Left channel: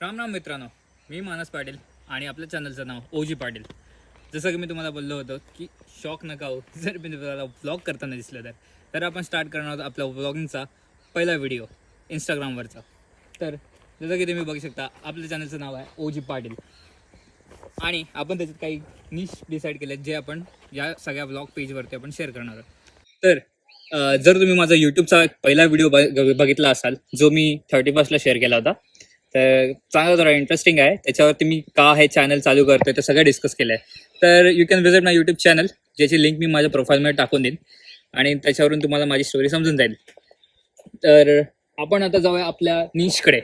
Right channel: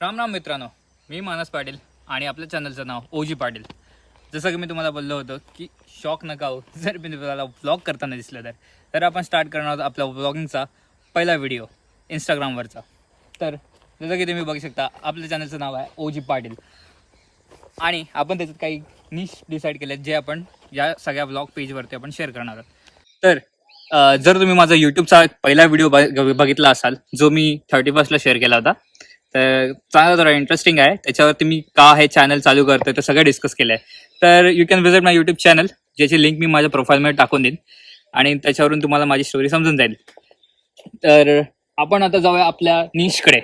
राम राम मित्रांनो, मी मानस पाटील आणि आपल्या चॅनलचं नाव ओजी पाटील. जसं की मी तुम्हाला बोललो होतो की शॉक नका हो जर मी तुम्हाला व्लॉग करताना दिसलं तर आपण स्टार्ट करणार आहोत आपल्या व्लॉगिंगचा पहिला व्हिडिओ इंस्टाग्रामवरचा. तर जसं की तुम्ही बघू शकता आपल्या चॅनलचं नाव आहे ओजी पाटील आणि आपण त्याच्यात काही निश डिसाईड केले जे आपण या सगळ्या व्लॉग पेजवरती आपण शेअर करणार आहोत. तर जर तुम्ही माझा यूट्यूबचा पहिला व्हिडिओ बघितला असाल जो मी 31st शेअर केला होता, तर चांगला थोडा इंटरेस्टिंग आहे. त्याच्यावरती मी का हे चॅनल चालू करतोय ते सगळं डिस्कस केलं आहे. तर you can visit my YouTube channel, ज्याची लिंक मी माझ्या प्रोफाईलमध्ये टाकून देईन आणि त्याच्यावरून तुम्हाला माझी स्टोरी समजून जाईल. तर आपण आता जाऊया आपल्या निशकडे.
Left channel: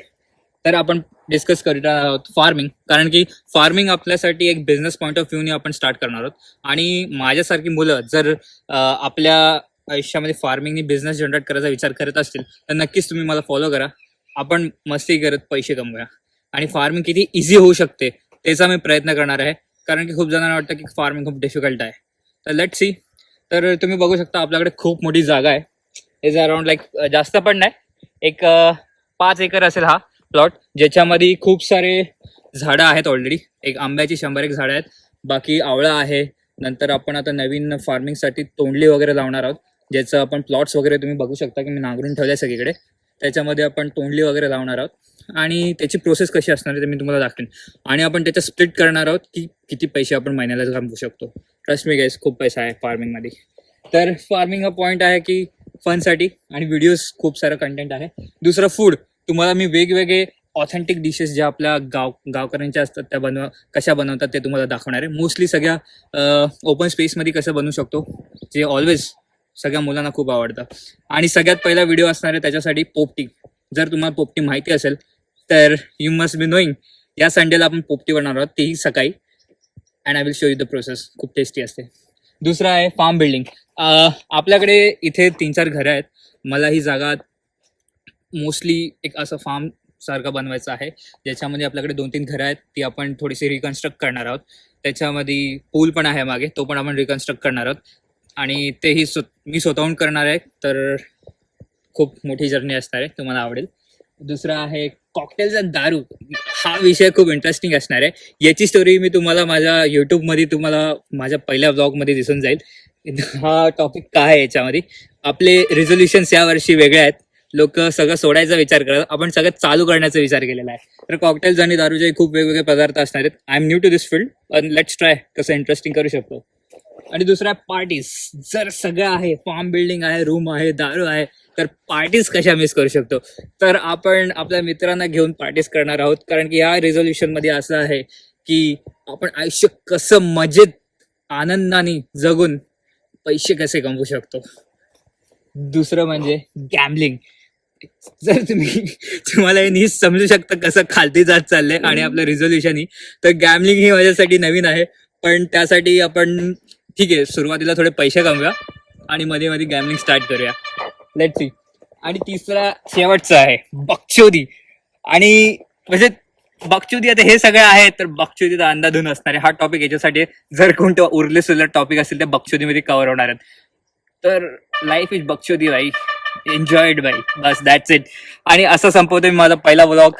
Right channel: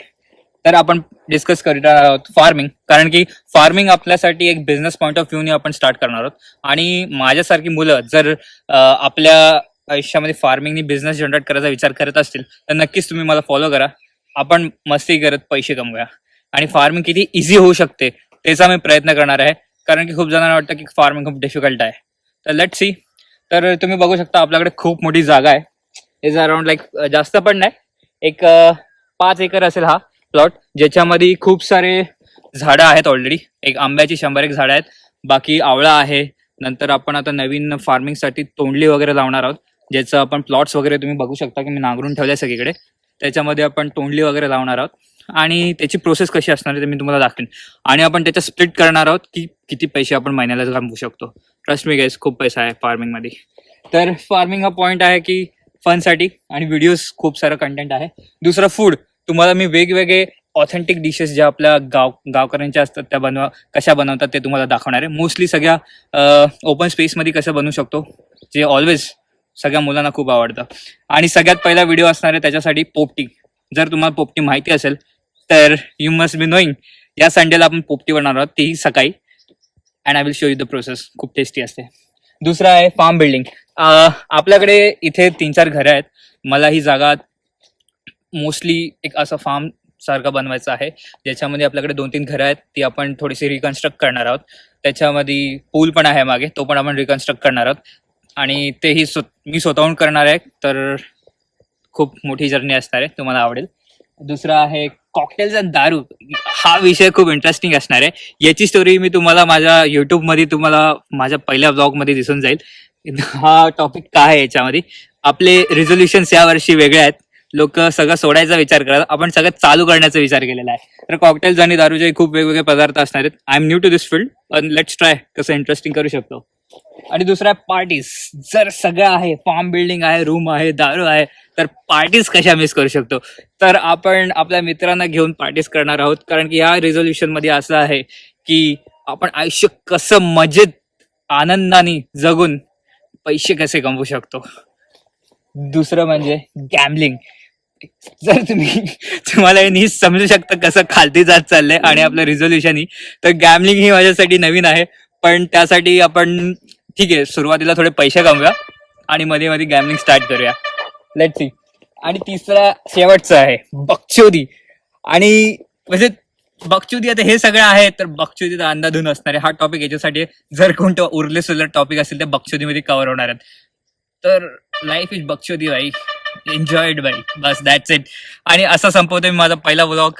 तर आपण डिस्कस करणार आहोत फार्मिंग, कारण की फार्मिंग आपल्यासाठी एक बिझनेस पॉईंट ऑफ व्ह्यूने आपण स्टार्ट करणार आहोत. आणि माझ्यासारखी मुलं जर आपल्या आयुष्यामध्ये फार्मिंगनी बिझनेस जनरेट करायचा विचार करत असतील तर नक्कीच तुम्ही मला फॉलो करा. आपण मस्ती करत पैसे कमवूया आणि फार्मिंग किती इझी होऊ शकते त्याचा मी प्रयत्न करणार आहे, कारण की खूप जणांना वाटतं की फार्मिंग खूप डिफिकल्ट आहे. तर लेट्स सी. तर तुम्ही बघू शकता आपल्याकडे खूप मोठी जागा आहे. इज अराउंड लाईक जास्त पण नाही, एक 5 एकर असेल हा प्लॉट, ज्याच्यामध्ये खूप सारे झाडं आहेत. ऑलरेडी एक आंब्याची 100 एक झाडं आहेत, बाकी आवळा आहे. नंतर आपण आता नवीन फार्मिंगसाठी तोंडली वगैरे लावणार आहोत, ज्याचं आपण प्लॉट्स वगैरे तुम्ही बघू शकता की मी नांगरून ठेवले सगळीकडे. त्याच्यामध्ये आपण तोंडली वगैरे लावणार आहोत आणि त्याची प्रोसेस कशी असणार आहे ते मी तुम्हाला दाखवेन. आणि आपण त्याच्या स्प्लिट करणार आहोत की किती पैसे आपण महिन्याला कमवू शकतो. ट्रस्ट मी गाईस, खूप पैसा आहे फार्मिंगमध्ये. तर फार्मिंग हा पॉईंट आहे की फनसाठी आणि व्हिडिओज खूप सारं कंटेंट आहे. दुसरं फूड, तुम्हाला मी वेगवेगळे ऑथेंटिक डिशेस ज्या आपल्या गावकऱ्यांच्या असतात त्या कशा बनवतात ते तुम्हाला दाखवणार आहे. मोस्टली सगळ्या ओपन स्पेसमध्ये कसं बनवू शकतो, जे ऑलवेज सगळ्या मुलांना खूप आवडतं. आणि सगळ्यात पहिला व्हिडिओ असणार आहे त्याच्यासाठी पोपटी. जर तुम्हाला पोपटी माहिती असेल तर यू मस्ट बी नोईंग, या संडेला आपण पोपटी बनवणार आहोत, तेही सकाळी. And I will show you the process, खूप टेस्टी असते. दुसरं आहे फार्म बिल्डिंग. आपल्याकडे इथे 3-4 घरं आहेत. मला ही जागा मोस्टली एक असं फार्म सारखं बनवायचं आहे, ज्याच्यामध्ये आपल्याकडे 2-3 घरं आहेत, ती आपण थोडीशी रिकन्स्ट्रक्ट करणार आहोत. त्याच्यामध्ये पूल पण आहे मागे, तो पण आपण रिकन्स्ट्रक्ट करणार आहोत आणि तेही मी स्वतःहून करणार आहे. तर खूप मोठी जर्नी असणार आहे, तुम्हाला आवडेल. दुसरा आहे कॉकटेल्स आणि दारू. हा विषय खूप इंटरेस्टिंग असणार आहे. याची स्टोरी मी तुम्हाला माझ्या युट्यूबमध्ये तुम्हाला माझ्या पहिल्या ब्लॉगमध्ये दिसून जाईल. हा टॉपिक काय आहे याच्यामध्ये. आपले रिझोल्युशन्स यावर्षी वेगळे आहेत. लोक सगळं सोडायचा विचार करतात, आपण सगळं चालू करण्याचा विचार केलेला आहे. तर कॉकटेल्स आणि दारूचे खूप वेगवेगळे पदार्थ असणार आहेत. I am new to this field, पण लेट्स ट्राय कसं इंटरेस्टिंग करू शकतो. आणि दुसरा पार्टीज. जर सगळं आहे, फार्म बिल्डिंग आहे, रूम आहे, दारू आहे, तर पार्टीज कशा मिस करू शकतो. तर आपण आपल्या मित्रांना घेऊन पार्टीज करणार आहोत, कारण की या रिझोल्युशन मध्ये असं आहे की आपण आयुष्य कसं मजेत आनंदाने जगून पैसे कसे कमवू शकतो. दुसरं म्हणजे गॅमलिंग. जर तुम्हाला हे नीट समजू शकता कसं खालती जात चाललंय आणि आपलं रिझोल्युशन ही, तर गॅमलिंग ही माझ्यासाठी नवीन आहे. पण त्यासाठी आपण ठीक आहे, सुरुवातीला थोडे पैसे कमवूया आणि मध्ये मध्ये गॅमलिंग स्टार्ट करूया. Let's see. आणि तिसरा शेवटचा आहे बकचोदी. आणि म्हणजे बकचोदी, आता हे सगळं आहे तर बकचोदीचा अंदाधून असणार आहे. हा टॉपिक याच्यासाठी जर कोणतं उरले सुरले टॉपिक असेल तर बकचोदीमध्ये कव्हर होणार आहेत. तर लाईफ इज बकचोदी भाई, एन्जॉयड बाई, बस दॅट्स इट. आणि असं संपवतोय मी माझा पहिला व्लॉग.